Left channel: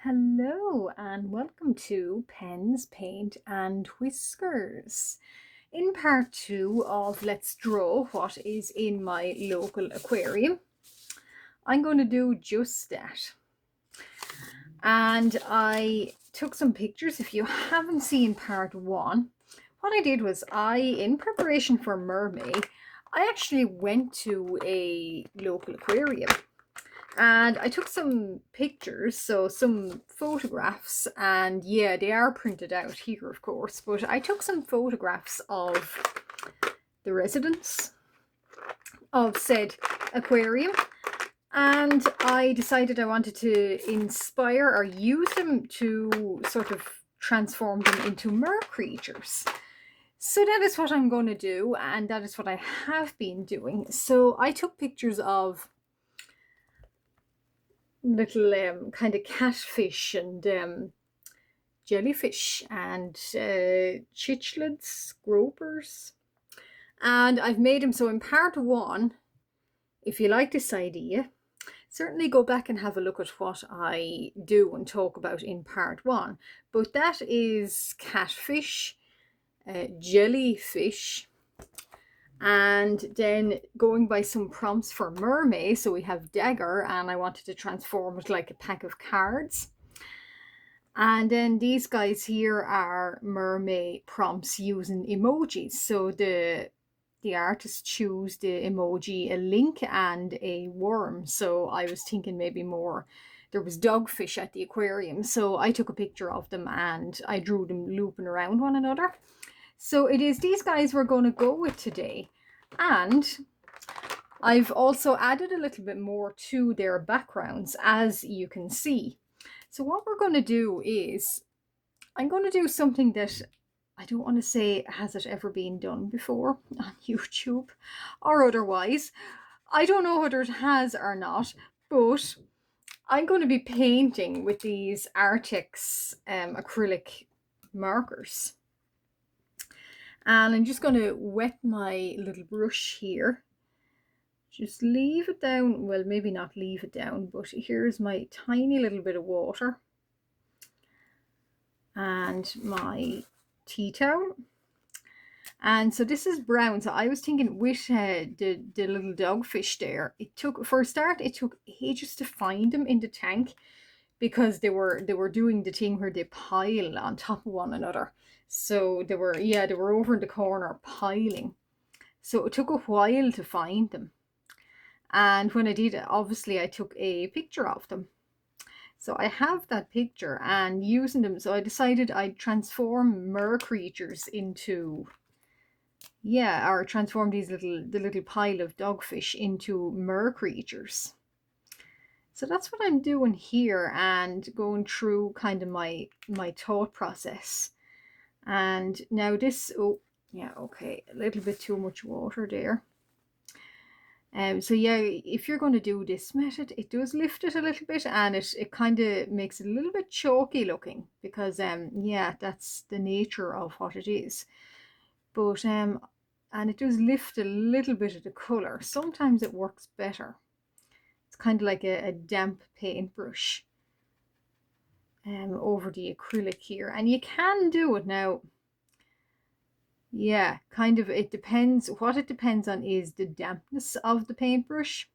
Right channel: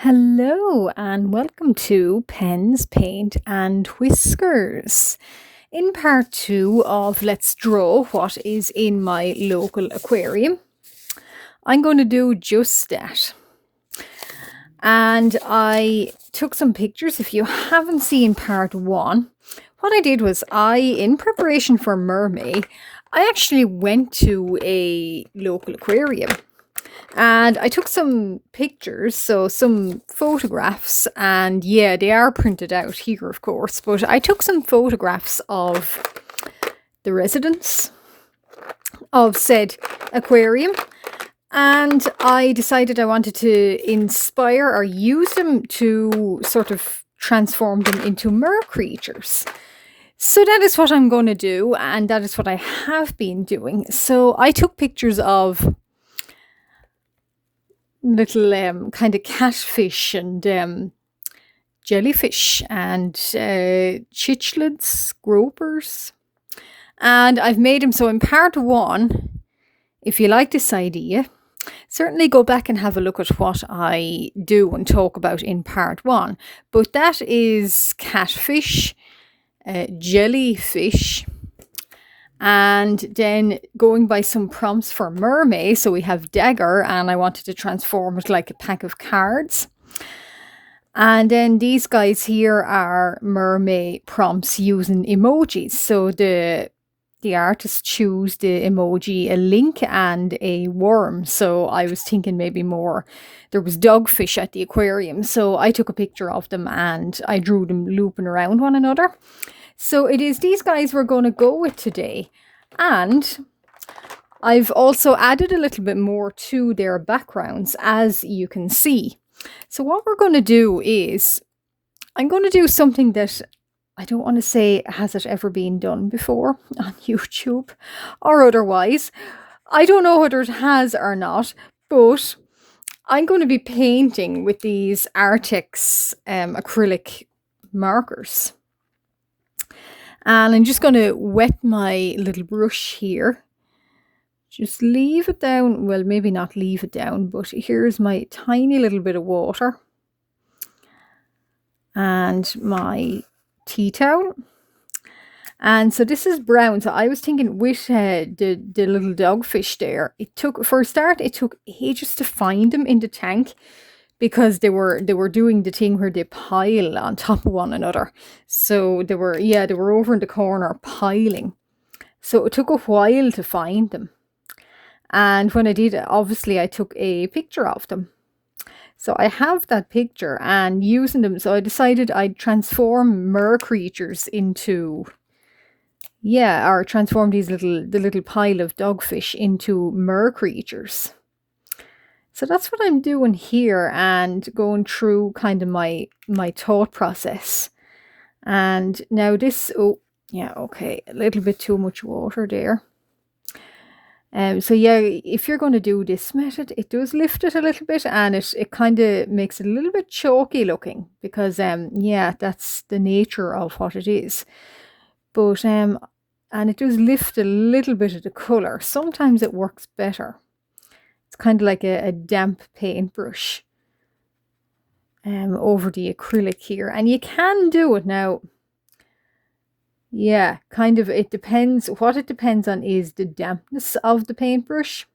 Hello and welcome to Pens, Paint and Whiskers. In part 2 of Let's Draw What is in my local aquarium, I'm going to do just that. And I took some pictures. If you haven't seen part 1, what I did was in preparation for Mermen, I actually went to a local aquarium. And I took some pictures, so some photographs, and yeah, they are printed out here, of course, but I took some photographs of the residents of said aquarium, and I decided I wanted to inspire or use them to sort of transform them into mer creatures. So that is what I'm going to do, and that is what I have been doing. So I took pictures of little kind of catfish and jellyfish and cichlids, gropers. And I've made them so in part 1, if you like this idea, certainly go back and have a look at what I do and talk about in part 1. But that is catfish, jellyfish, and then going by some prompts for mermaid. So we have dagger, and I wanted to transform it like a pack of cards. And then these guys here are mermaid prompts using emojis. So the artist choose the emoji a link and a worm. So I was thinking maybe more, there was dogfish at the aquarium, so I took a picture of them and I drew them looping around one another. So it is these guys we're going to go with today. And I've also added a little bit more to their backgrounds, as you can see. So what we're going to do is, I'm going to do something that I don't want to say has it ever been done before on YouTube or otherwise. I don't know whether it has or not, but I'm going to be painting with these Artex acrylic markers. And I'm just going to wet my little brush here. Just leave it down. Well, maybe not leave it down, but here's my tiny little bit of water. And my tea towel. And so this is brown. So I was thinking with the little dogfish there, for a start, it took ages to find them in the tank, because they were doing the thing where they pile on top of one another. So they were over in the corner piling. So it took a while to find them. And when I did, obviously I took a picture of them. So I have that picture and using them. So I decided I'd transform mer creatures into, or transform the little pile of dogfish into mer creatures. So that's what I'm doing here and going through kind of my thought process. And now this, okay, a little bit too much water there. So yeah, if you're going to do this method, it does lift it a little bit, and it kind of makes it a little bit chalky looking, because that's the nature of what it is. But and it does lift a little bit of the color. Sometimes it works better. It's kind of like a damp paintbrush over the acrylic here. And you can do it now. Yeah, kind of, it depends. What it depends on is the dampness of the paintbrush.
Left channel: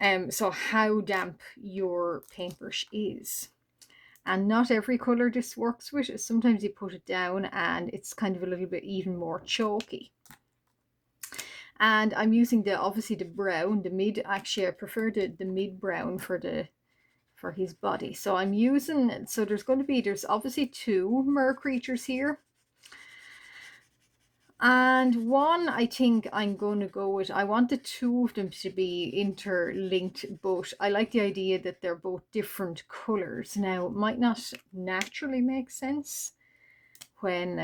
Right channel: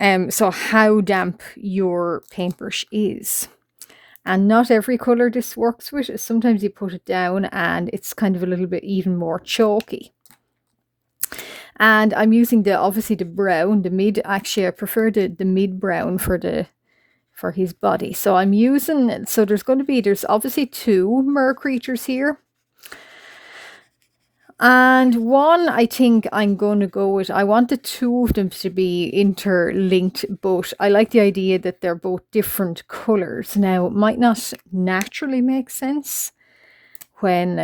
So how damp your paintbrush is. And not every colour this works with. Sometimes you put it down and it's kind of a little bit even more chalky. And I'm using obviously the brown, the mid. Actually, I prefer the mid brown for his body. So I'm using, so there's obviously 2 mer creatures here. And one, I think I'm going to go with, I want the 2 of them to be interlinked, but I like the idea that they're both different colours. Now, it might not naturally make sense when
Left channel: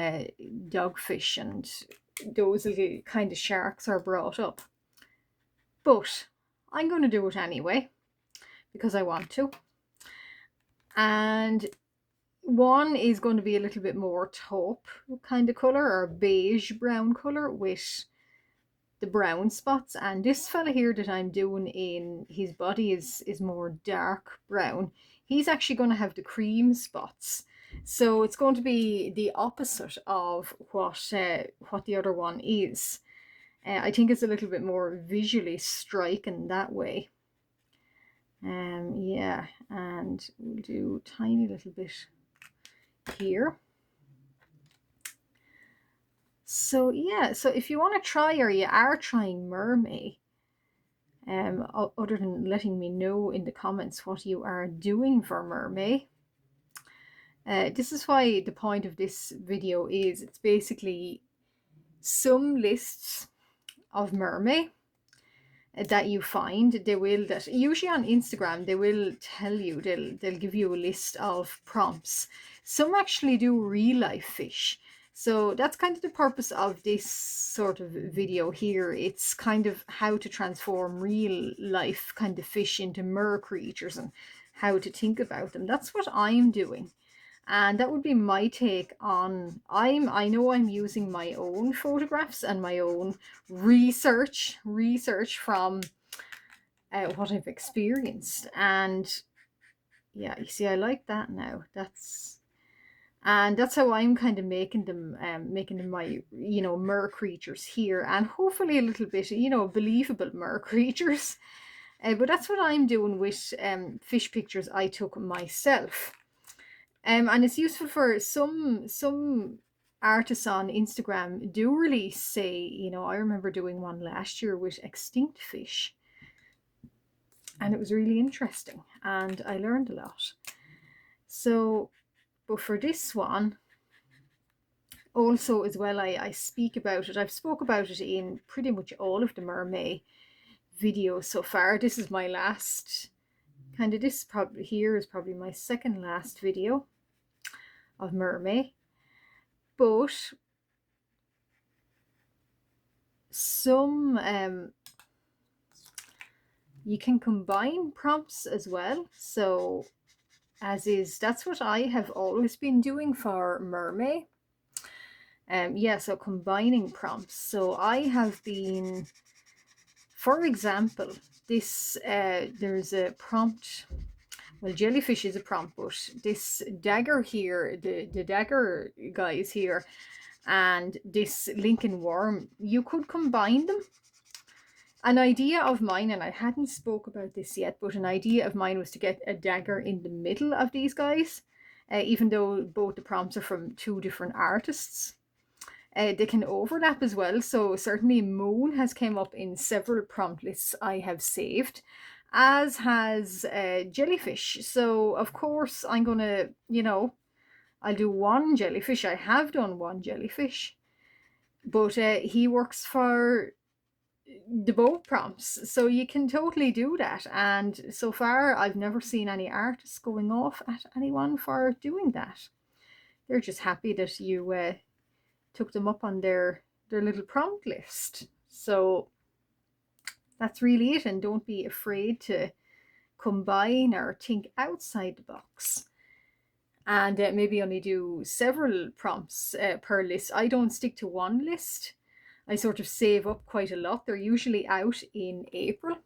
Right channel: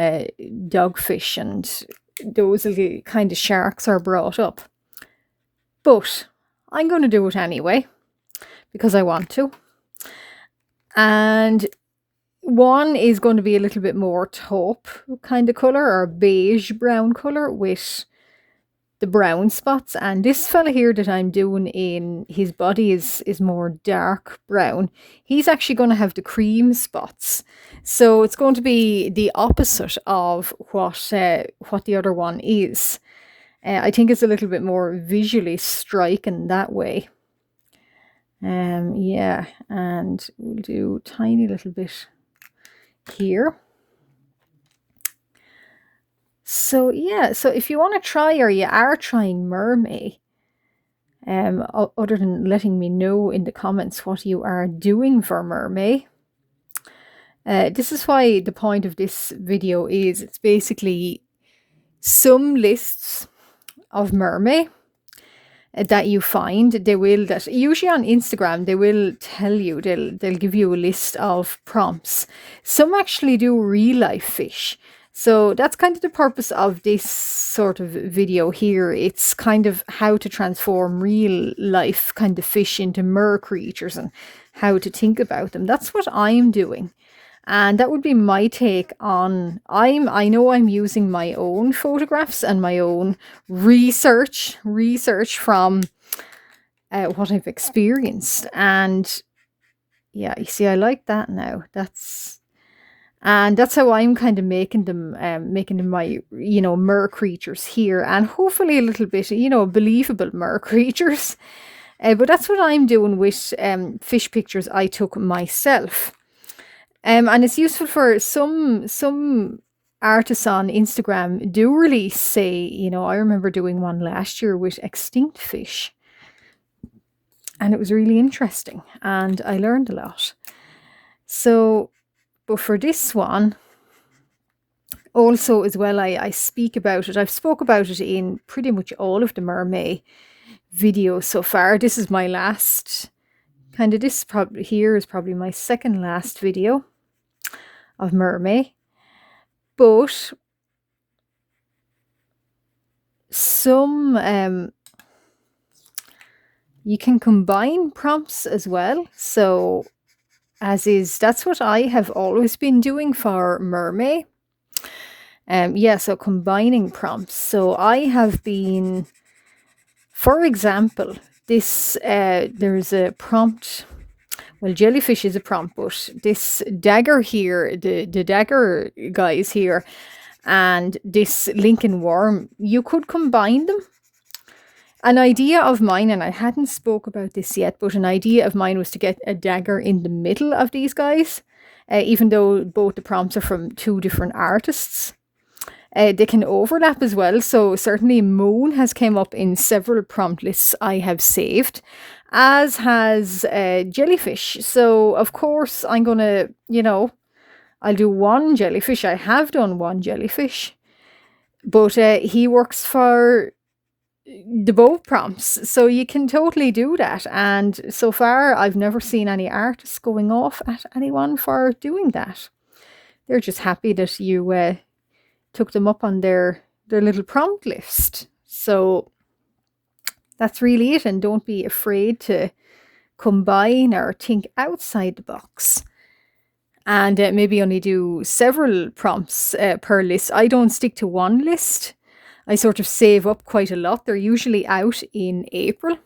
dogfish and those little kind of sharks are brought up. But I'm going to do it anyway, because I want to. And one is going to be a little bit more taupe kind of colour, or beige brown colour, with the brown spots, and this fella here that I'm doing in his body is more dark brown. He's actually going to have the cream spots, so it's going to be the opposite of what the other one is. I think it's a little bit more visually striking that way. Yeah, and we'll do tiny little bit here. So yeah, so if you want to try, or you are trying Mermen, other than letting me know in the comments what you are doing for Mermen, this is why the point of this video is, it's basically some lists of Mermen that you find. They will, that usually on Instagram, they will tell you, they'll give you a list of prompts. Some actually do real life fish. So that's kind of the purpose of this sort of video here. It's kind of how to transform real life kind of fish into mer creatures and how to think about them. That's what I'm doing. And that would be my take on, I know I'm using my own photographs and my own research from what I've experienced. And yeah, you see, I like that now. And that's how I'm kind of making them my, you know, mer creatures here, and hopefully a little bit, you know, believable mer creatures. But that's what I'm doing with fish pictures I took myself. And it's useful for some artists on Instagram do release, say, you know, I remember doing one last year with extinct fish, and it was really interesting and I learned a lot. So, but for this one also as well, I speak about it. I've spoke about it in pretty much all of the Mermen videos so far. This is my last, kind of, this probably here is probably my second last video of Mermen. But some you can combine prompts as well. So that's what I have always been doing for Mermen. Yeah, so combining prompts. So I have been, for example, this there's a prompt. Well, jellyfish is a prompt, but this dagger here, the dagger guys here, and this Lincoln worm, you could combine them. An idea of mine, and I hadn't spoke about this yet, but an idea of mine was to get a dagger in the middle of these guys, even though both the prompts are from two different artists. They can overlap as well, so certainly Moon has came up in several prompt lists I have saved, as has jellyfish. So of course I'm gonna, you know, I'll do one jellyfish. I have done one jellyfish, but he works for the both prompts, so you can totally do that. And so far I've never seen any artists going off at anyone for doing that. They're just happy that you took them up on their little prompt list. So that's really it, and don't be afraid to combine or think outside the box, and maybe only do several prompts per list. I don't stick to one list. I sort of save up quite a lot. They're usually out in April,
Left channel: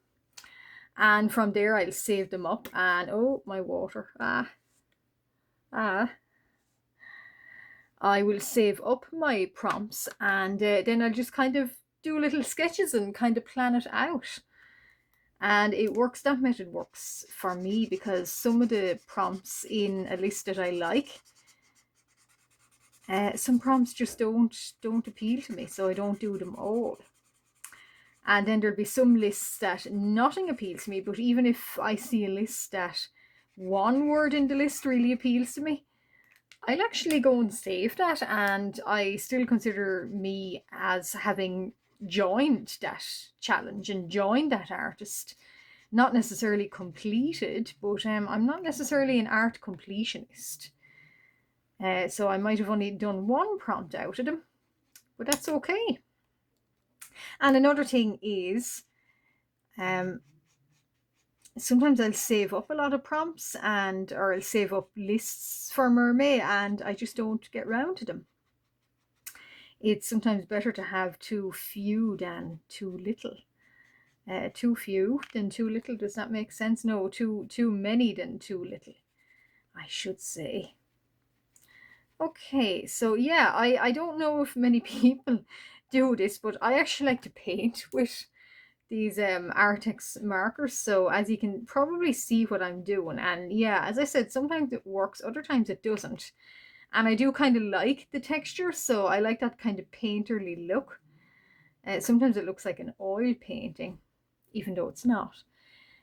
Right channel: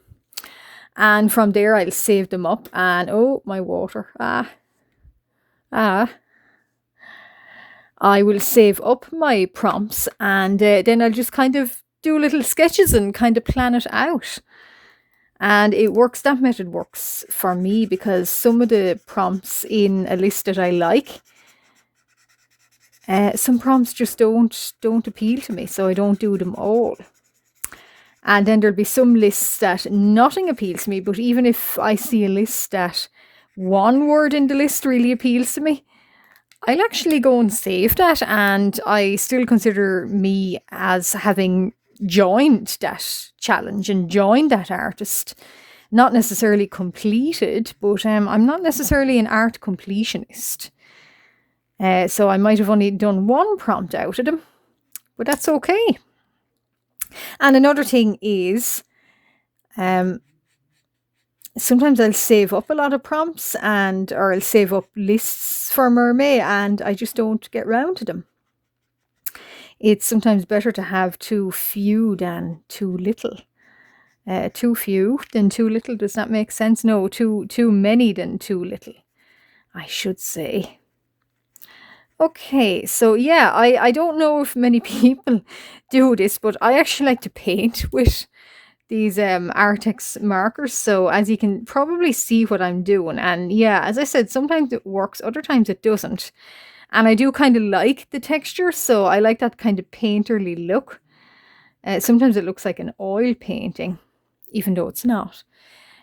and from there I'll save them up. And oh, my water, I will save up my prompts, and then I'll just kind of do little sketches and kind of plan it out. And it works, that method works for me, because some of the prompts in a list that I like, some prompts just don't appeal to me, so I don't do them all. And then there'll be some lists that nothing appeals to me, but even if I see a list that one word in the list really appeals to me, I'll actually go and save that, and I still consider me as having joined that challenge and joined that artist. Not necessarily completed, but I'm not necessarily an art completionist. So I might have only done one prompt out of them, but that's okay. And another thing is, sometimes I'll save up a lot of prompts, or I'll save up lists for Mermen, and I just don't get round to them. it's sometimes better to have too few than too little. Too few than too little. Does that make sense? No, too many than too little, I should say. Okay, so yeah, I don't know if many people do this, but I actually like to paint with these Artex markers. So as you can probably see what I'm doing, and yeah, as I said, sometimes it works, other times it doesn't. And I do kind of like the texture, so I like that kind of painterly look. Sometimes it looks like an oil painting, even though it's not.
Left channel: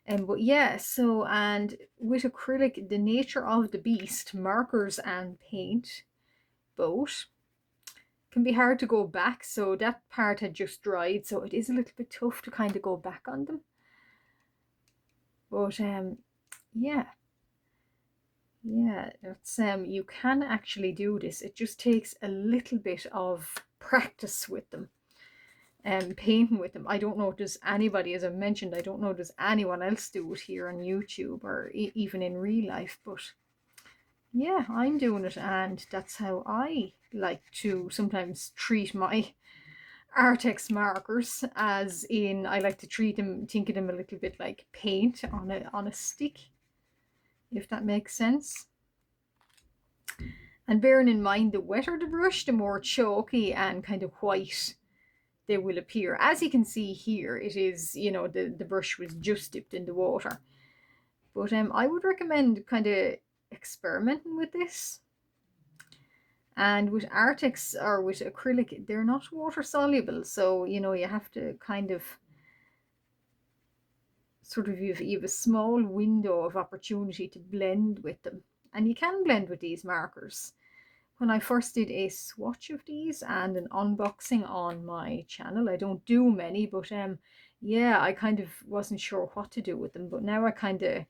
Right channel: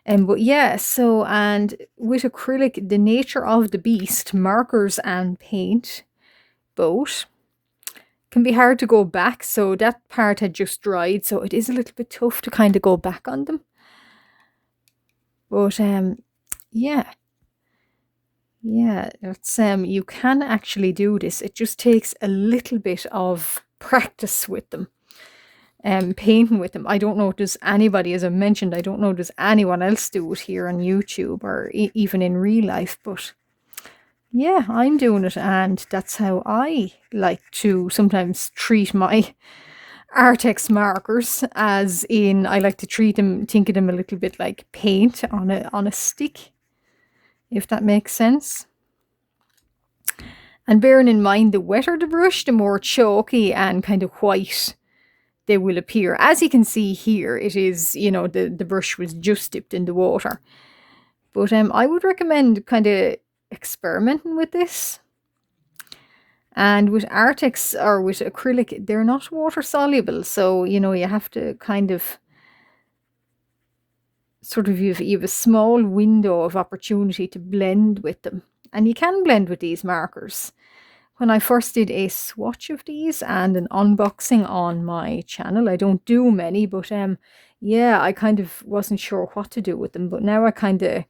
But yeah, so and with acrylic, the nature of the beast, markers and paint both can be hard to go back. So that part had just dried, so it is a little bit tough to kind of go back on them. But yeah. Yeah, that's you can actually do this. It just takes a little bit of practice with them. Painting with them. I don't know, does anybody, as I mentioned, I don't know, does anyone else do it here on YouTube or even in real life, but yeah, I'm doing it, and that's how I like to sometimes treat my Artex markers, as in I like to treat them, think of them a little bit like paint on a stick, if that makes sense. And bearing in mind, the wetter the brush, the more chalky and kind of white they will appear. As you can see here, it is, you know, the brush was just dipped in the water. But I would recommend kind of experimenting with this. And with Artex or with acrylic, they're not water soluble. So, you know, you have to kind of sort of, you have a small window of opportunity to blend with them. And you can blend with these markers. When I first did a swatch of these and an unboxing on my channel, I don't do many, but yeah, I kind of wasn't sure what to do with them. But now I kind of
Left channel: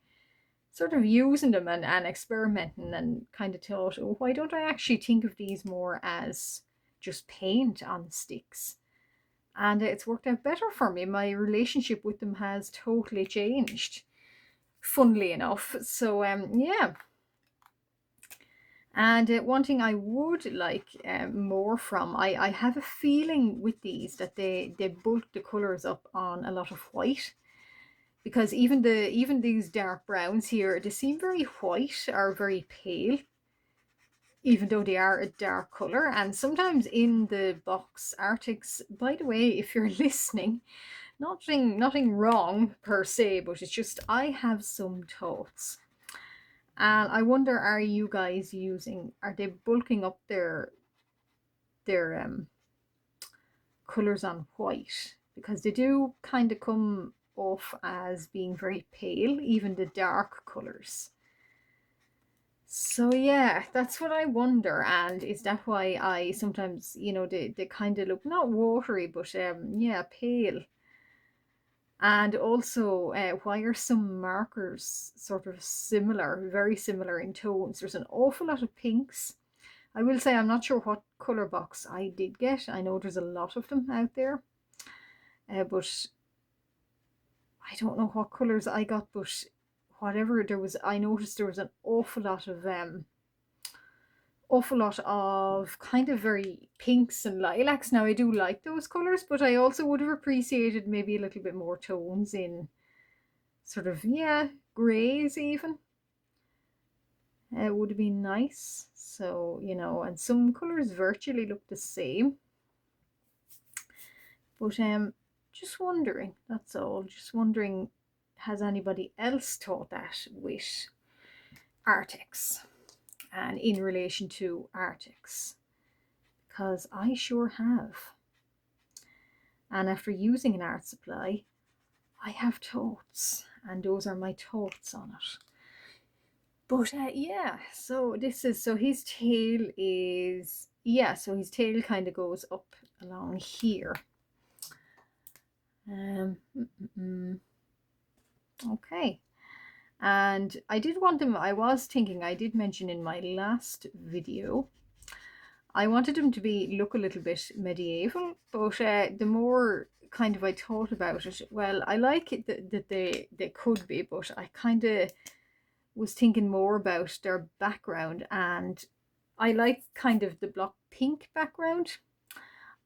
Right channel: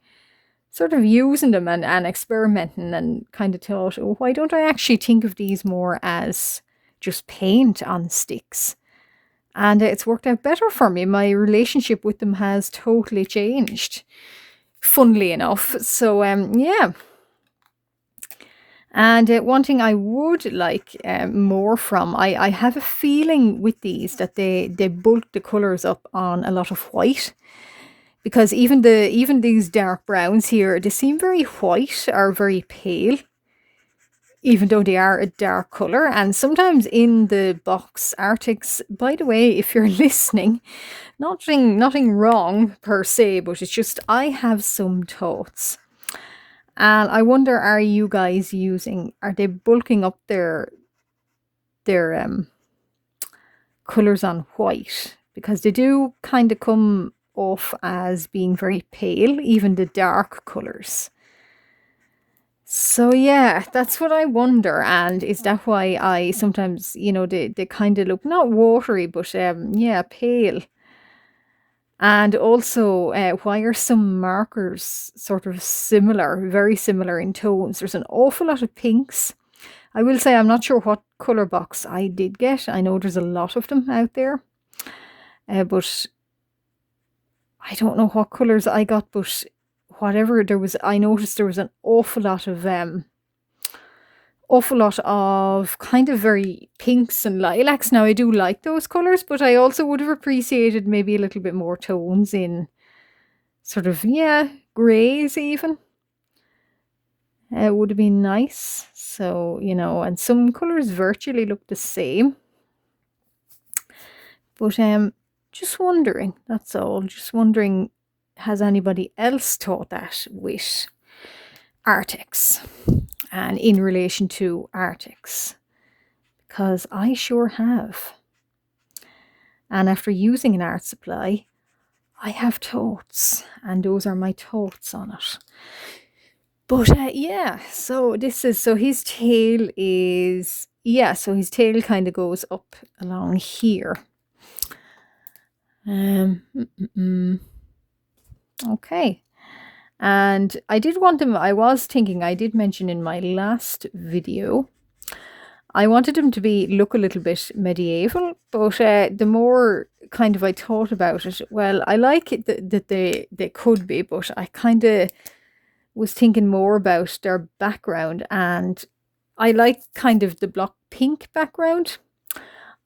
sort of using them and experimenting, and kind of thought, oh, why don't I actually think of these more as just paint on sticks? And it's worked out better for me. My relationship with them has totally changed, funnily enough. So yeah. And one thing I would like more from, I have a feeling with these that they bulk the colours up on a lot of white. Because even these dark browns here, they seem very white or very pale, even though they are a dark colour. And sometimes in the box Arctics, by the way, if you're listening, nothing wrong per se, but it's just I have some thoughts. And I wonder, are you guys are they bulking up their colours on white? Because they do kind of come off as being very pale, even the dark colours. So yeah, that's what I wonder. And is that why I sometimes, you know, they kind of look not watery, but yeah, pale. And also, why are some markers sort of similar, very similar in tones? There's an awful lot of pinks. I will say I'm not sure what colour box I did get. I know there's a lot of them out there. But I don't know what colours I got, but whatever there was, I noticed there was an awful lot of kind of very pinks and lilacs. Now I do like those colours, but I also would have appreciated maybe a little bit more tones in sort of, yeah, greys even. It would have been nice. So, you know, and some colours virtually look the same. But just wondering, that's all. Just wondering, has anybody else thought that with Artex and in relation to Artex? Because I sure have. And after using an art supply, I have thoughts, and those are my thoughts on it. But yeah, so his tail is, yeah, so his tail kind of goes up along here. Okay. And I did want him, I was thinking, I did mention in my last video, I wanted him to look a little bit medieval, but the more kind of I thought about it, well, I like it that they could be, but I kind of was thinking more about their background, and I like kind of the block pink background.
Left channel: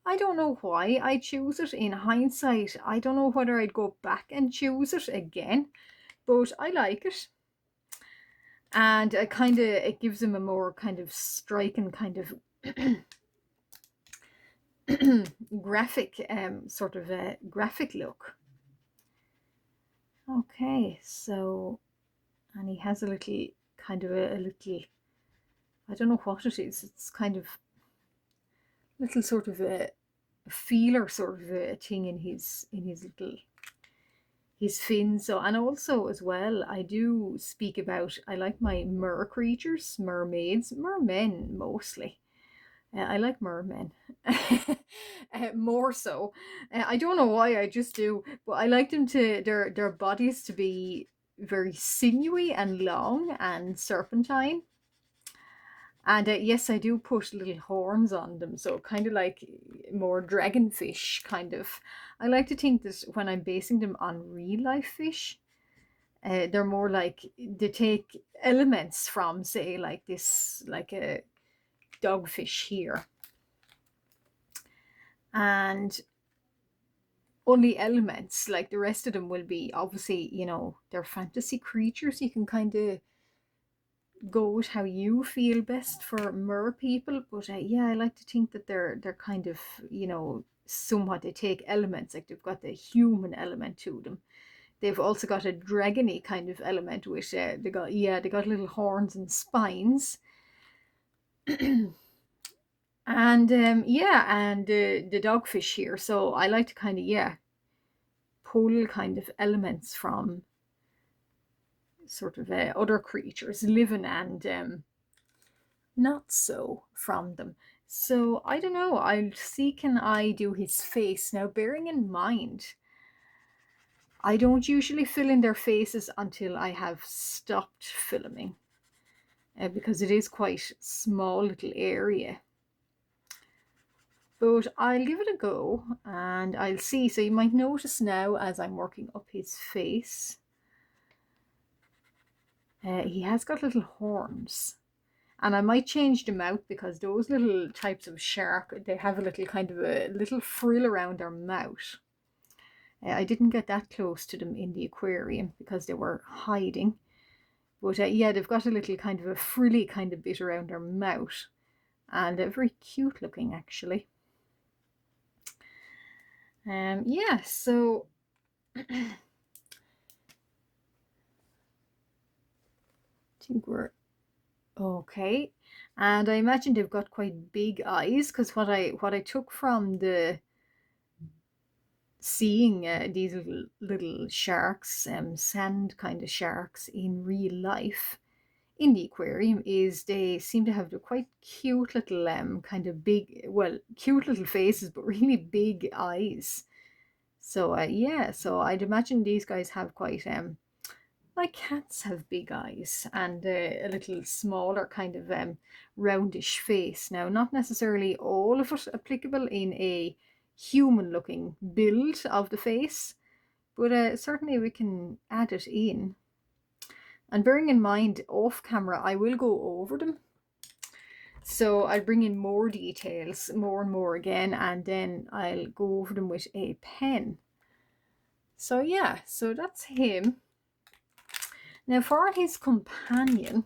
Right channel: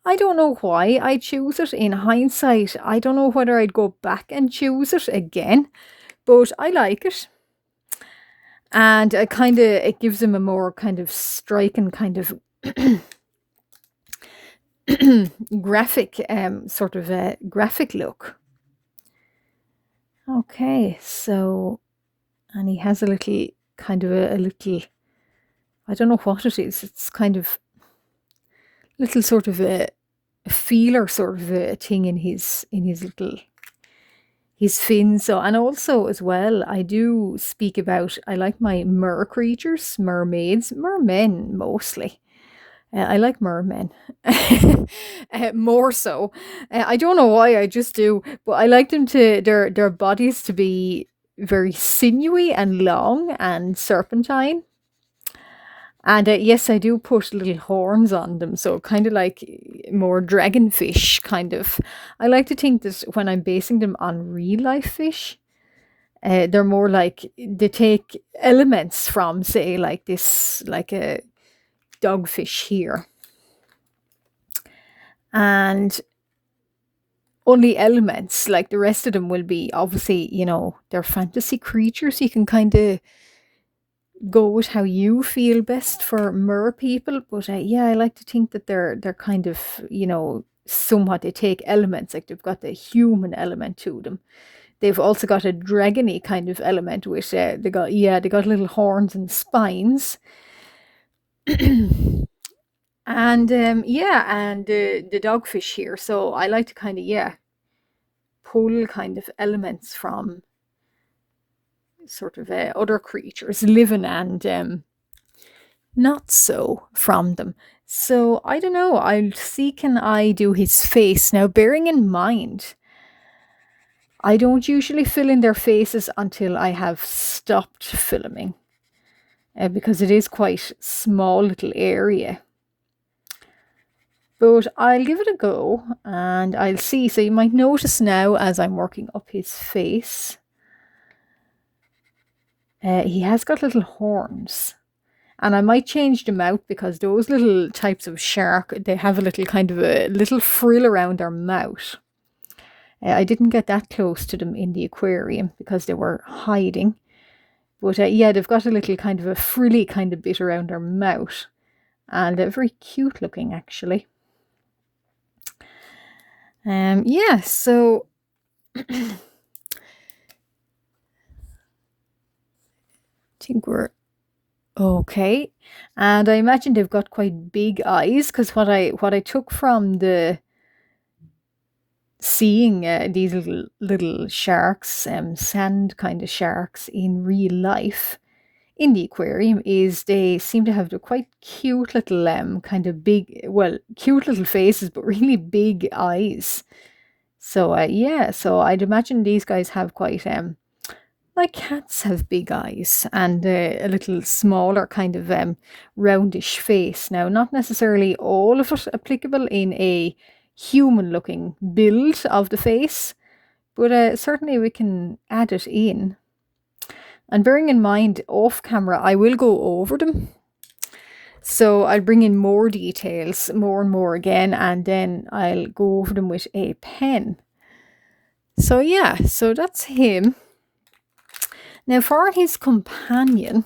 I don't know why I choose it. In hindsight, I don't know whether I'd go back and choose it again, but I like it. And it gives him a more kind of striking kind of graphic, sort of a graphic look. Okay, so, and he has a little kind of a little, I don't know what it is. It's kind of little sort of a feeler sort of a thing in his little his fin. So, and also as well, I do speak about, I like my mer creatures, mermaids, mermen mostly. I like mermen more so. I don't know why, I just do, but I like them to their bodies to be very sinewy and long and serpentine. And yes, I do put little horns on them, so kind of like more dragonfish kind of. I like to think that when I'm basing them on real life fish, they're more like they take elements from, say, like this, like a dogfish here, and only elements. Like the rest of them will be obviously, they're fantasy creatures. You can kind of go with how you feel best for mer people, but yeah, I like to think that they're kind of, somewhat, they take elements, like they've got the human element to them. They've also got a dragony kind of element, which they got little horns and spines. And yeah, and the dogfish here, so I like to kind of, yeah, pull kind of elements from sort of other creatures living and not so from them. So I don't know, I'll see, can I do his face now, bearing in mind I don't usually fill in their faces until I have stopped filming, because it is quite small little area. But I'll give it a go and I'll see. So you might notice now as I'm working up his face, he has got little horns. And I might change them out because those little types of shark, they have a little kind of a little frill around their mouth. I didn't get that close to them in the aquarium because they were hiding. But yeah, they've got a little kind of a frilly kind of bit around their mouth. And they're very cute looking, actually. Yeah, so I think we're okay. And I imagine they've got quite big eyes, because what I took from the seeing these little sharks, sand kind of sharks in real life in the aquarium, is they seem to have the quite cute little kind of big, well, cute little faces, but really big eyes. So yeah, so I'd imagine these guys have quite like cats have big eyes and a little smaller kind of roundish face. Now, not necessarily all of it applicable in a human looking build of the face, but certainly we can add it in. And bearing in mind, off camera, I will go over them. So I'll bring in more details, more and more again, and then I'll go over them with a pen. So yeah, so that's him. Now for his companion,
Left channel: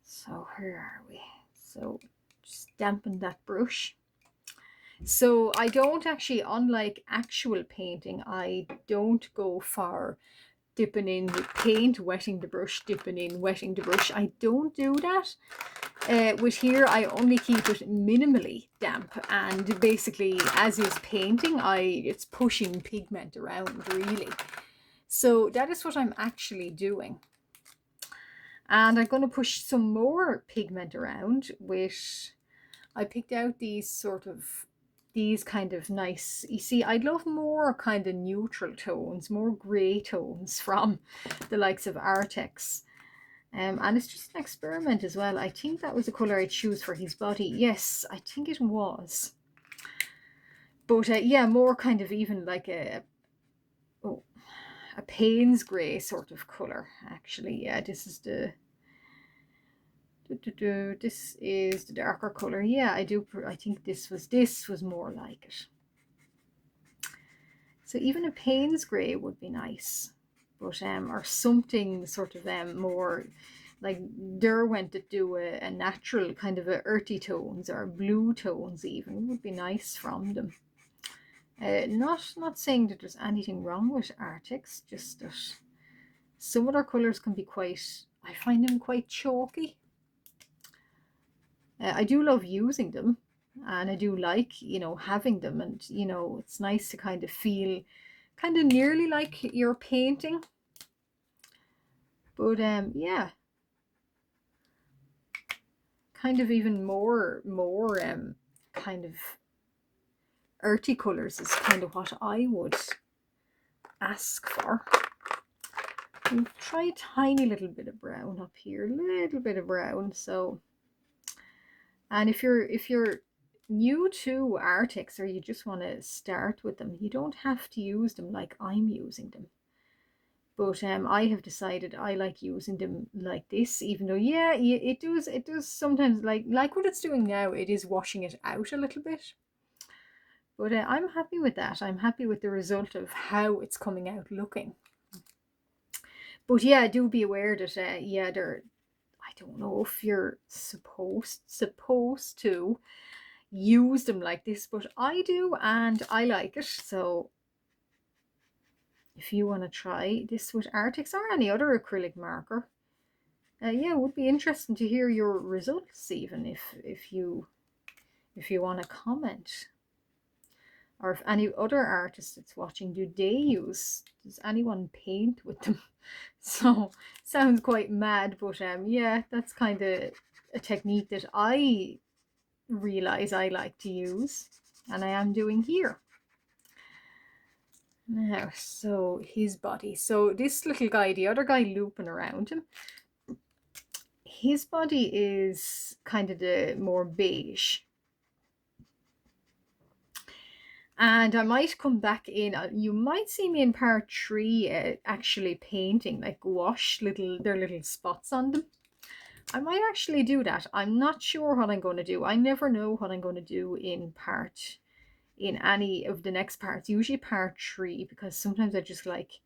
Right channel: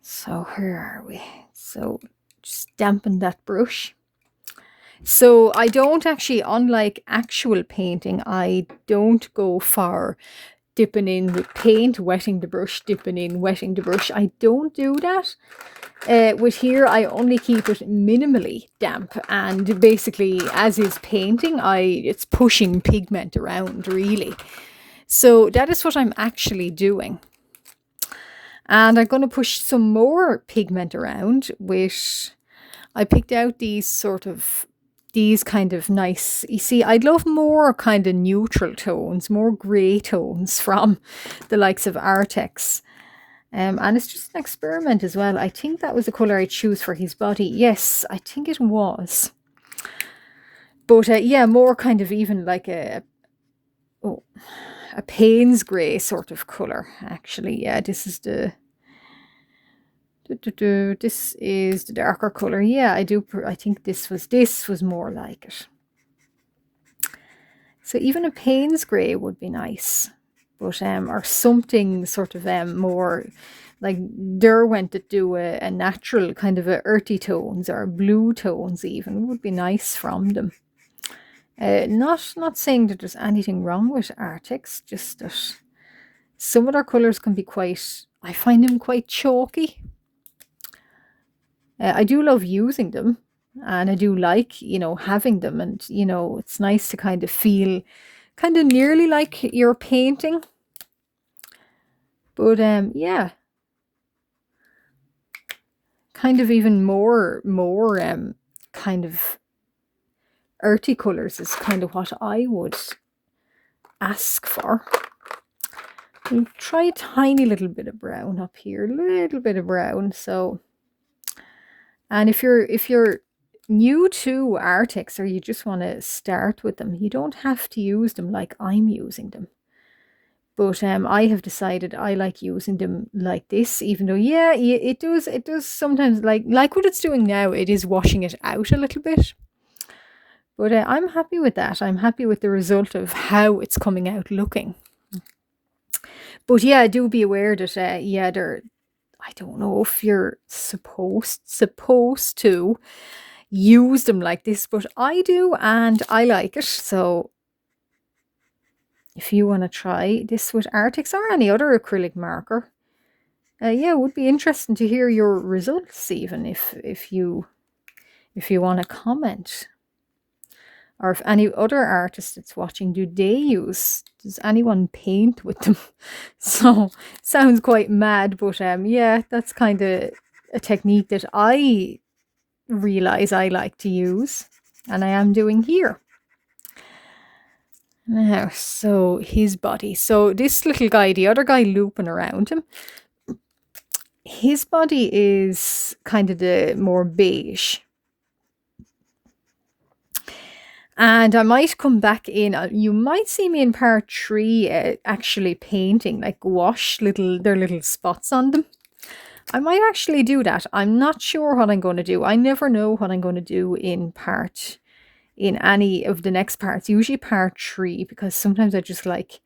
so where are we? So just dampen that brush. So I don't actually, unlike actual painting, I don't go for dipping in with paint, wetting the brush, dipping in, wetting the brush. I don't do that. With here, I only keep it minimally damp, and basically, as is painting, it's pushing pigment around, really. So that is what I'm actually doing. And I'm going to push some more pigment around with, I picked out these kind of nice, you see, I'd love more kind of neutral tones, more grey tones from the likes of Artex. And it's just an experiment as well. I think that was the colour I choose for his body. Yes, I think it was. But yeah, more kind of even like a Payne's grey sort of colour, actually. Yeah, this is the This is the darker color. Yeah, I think this was more like it. So even a Payne's grey would be nice, but or something sort of more like Derwent that do a natural kind of a earthy tones or blue tones even would be nice from them. Not saying that there's anything wrong with Arctics, just that some of their colours can be quite, I find them quite chalky. I do love using them, and I do like, having them, and, it's nice to kind of feel kind of nearly like you're painting. But yeah, kind of even more kind of earthy colours is kind of what I would ask for. We'll try a tiny little bit of brown up here, a little bit of brown. So, and if you're new to Arctics, or you just want to start with them, you don't have to use them like I'm using them. But I have decided I like using them like this, even though, yeah, it does sometimes, like what it's doing now, it is washing it out a little bit. But I'm happy with that. I'm happy with the result of how it's coming out looking. But yeah, do be aware that, yeah, I don't know if you're supposed to use them like this, but I do, and I like it. So if you want to try this with Arctics or any other acrylic marker, yeah, it would be interesting to hear your results, even if you want to comment. Or if any other artist that's watching, does anyone paint with them? So, sounds quite mad, but yeah, that's kind of a technique that I realize I like to use, and I am doing here. Now, so his body. So this little guy, the other guy looping around him, his body is kind of the more beige. And I might come back in, you might see me in part 3 actually painting, like gouache, their little spots on them. I might actually do that. I'm not sure what I'm going to do. I never know what I'm going to do in any of the next parts, usually part 3, because sometimes I just like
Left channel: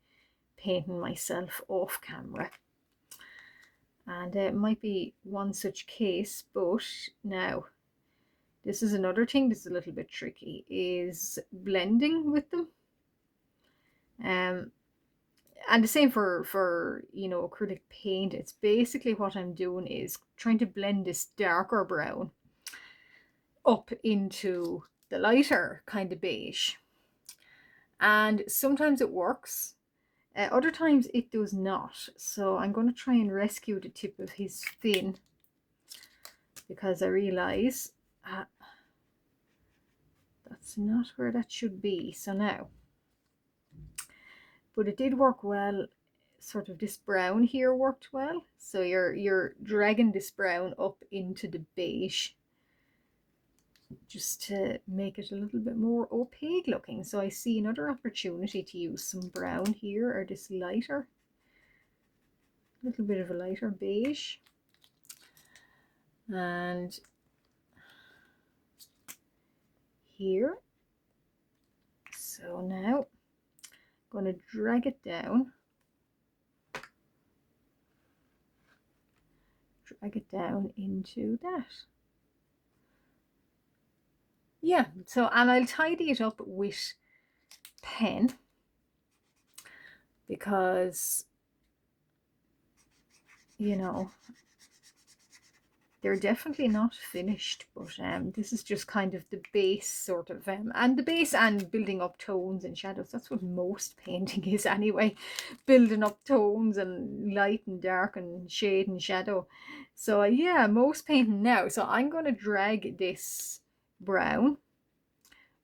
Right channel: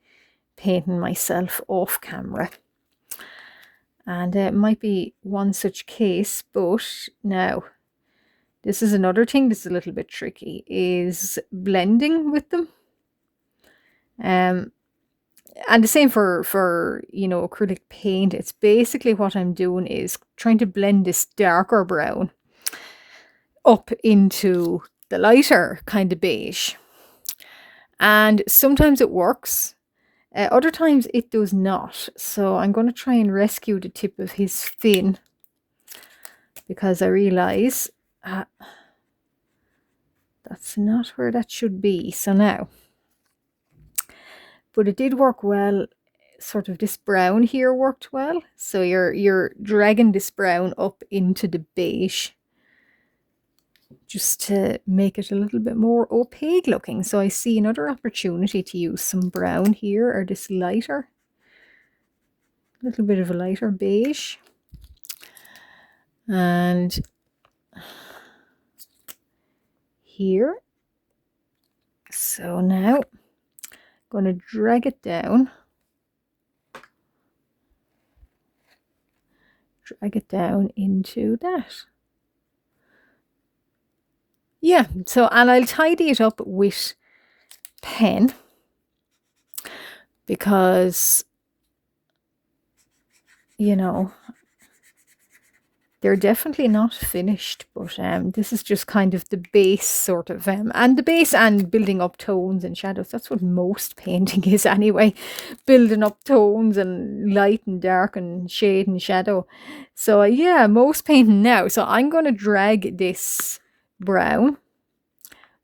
painting myself off camera. And it might be one such case, but now, this is another thing that's a little bit tricky, is blending with them. And the same for acrylic paint. It's basically what I'm doing is trying to blend this darker brown up into the lighter kind of beige. And sometimes it works. Other times it does not. So I'm going to try and rescue the tip of his fin, because I realize that's not where that should be. So now, but it did work well. Sort of this brown here worked well. So you're dragging this brown up into the beige, just to make it a little bit more opaque looking. So I see another opportunity to use some brown here, or this lighter, little bit of a lighter beige. And here. So now I'm going to drag it down. Drag it down into that. Yeah, so, and I'll tidy it up with pen, because, they're definitely not finished, but this is just kind of the base sort of, and the base and building up tones and shadows. That's what most painting is anyway, building up tones and light and dark and shade and shadow. So yeah, most painting now. So I'm going to drag this brown.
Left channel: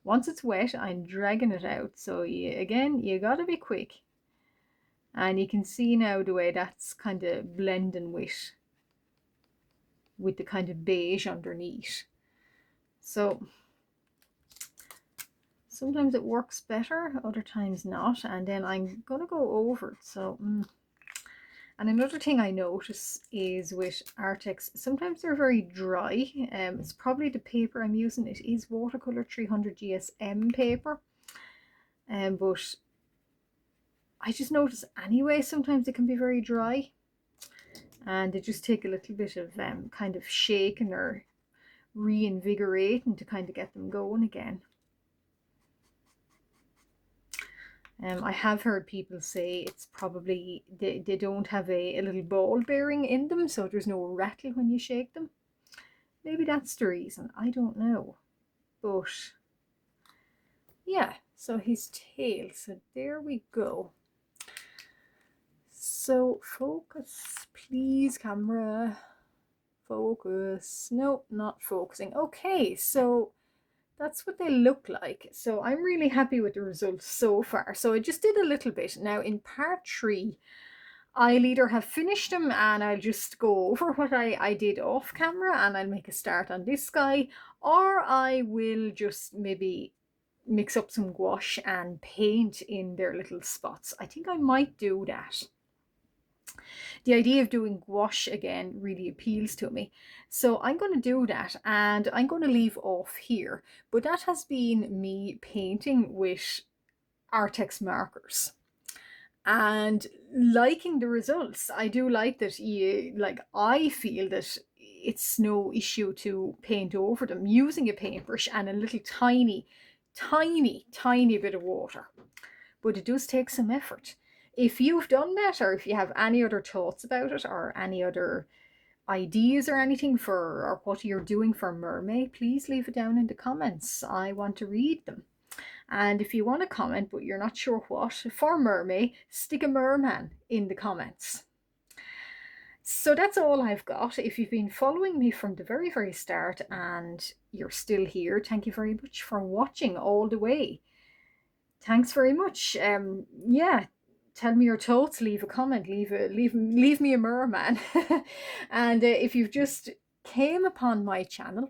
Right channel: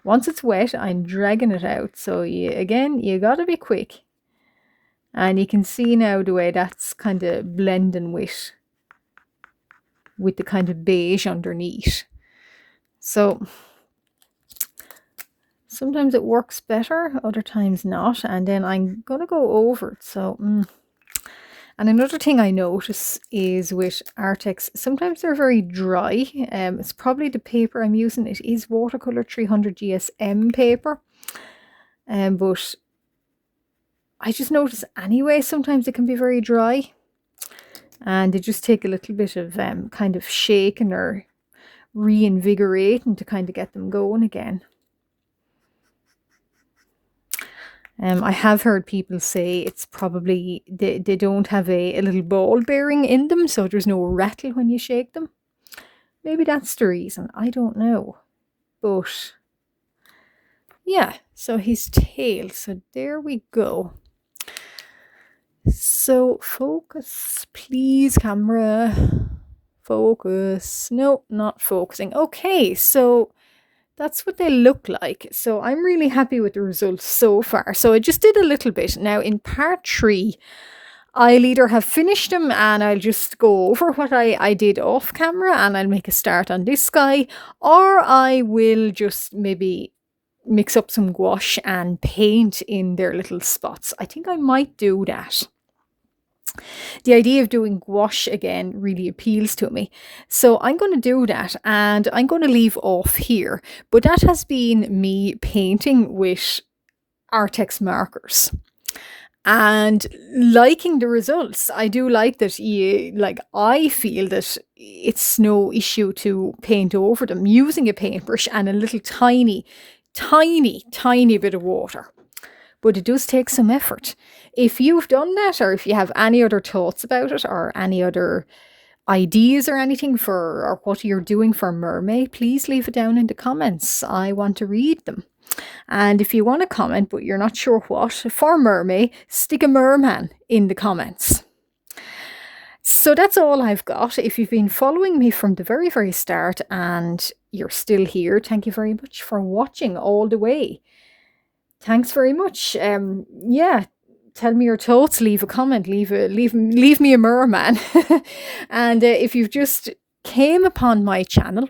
Once it's wet, I'm dragging it out. So again, you got to be quick. And you can see now the way that's kind of blending with the kind of beige underneath. So sometimes it works better, other times not. And then I'm going to go over it. So, And another thing I notice is with Artex, sometimes they're very dry. It's probably the paper I'm using. It is watercolor 300 GSM paper. But I just notice anyway, sometimes it can be very dry. And they just take a little bit of kind of shaking or reinvigorating to kind of get them going again. I have heard people say it's probably they don't have a little ball bearing in them, so there's no rattle when you shake them. Maybe that's the reason. I don't know. But yeah, so his tail. So there we go. So focus, please, camera. Focus. No, not focusing. Okay, so that's what they look like. So I'm really happy with the results so far. So I just did a little bit. Now in part 3, I'll either have finished them and I'll just go over what I did off camera and I'll make a start on this guy, or I will just maybe mix up some gouache and paint in their little spots. I think I might do that. The idea of doing gouache again really appeals to me. So I'm going to do that and I'm going to leave off here. But that has been me painting with Artex markers and liking the results. I do like that. I feel that it's no issue to paint over them using a paintbrush and a little tiny bit of water. But it does take some effort. If you've done that, or if you have any other thoughts about it, or any other ideas or anything or what you're doing for Mermaid, please leave it down in the comments. I want to read them. And if you want to comment but you're not sure what for Mermaid, stick a merman in the comments. So that's all I've got. If you've been following me from the very start and you're still here, thank you very much for watching all the way. Thanks very much. Yeah, tell me your thoughts, leave a comment, leave me a merman. And if you've just came upon my channel,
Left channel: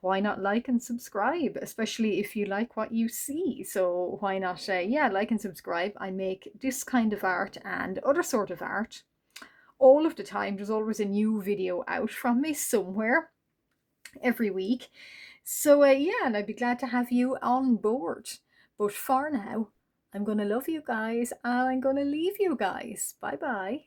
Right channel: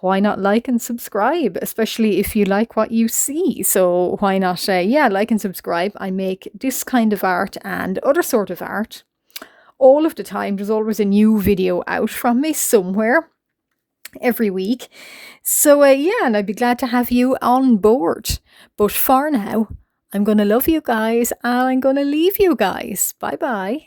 why not like and subscribe, especially if you like what you see. So why not, yeah, like and subscribe. I make this kind of art and other sort of art all of the time. There's always a new video out from me somewhere every week. So yeah, and I'd be glad to have you on board. But for now, I'm going to love you guys and I'm going to leave you guys. Bye bye.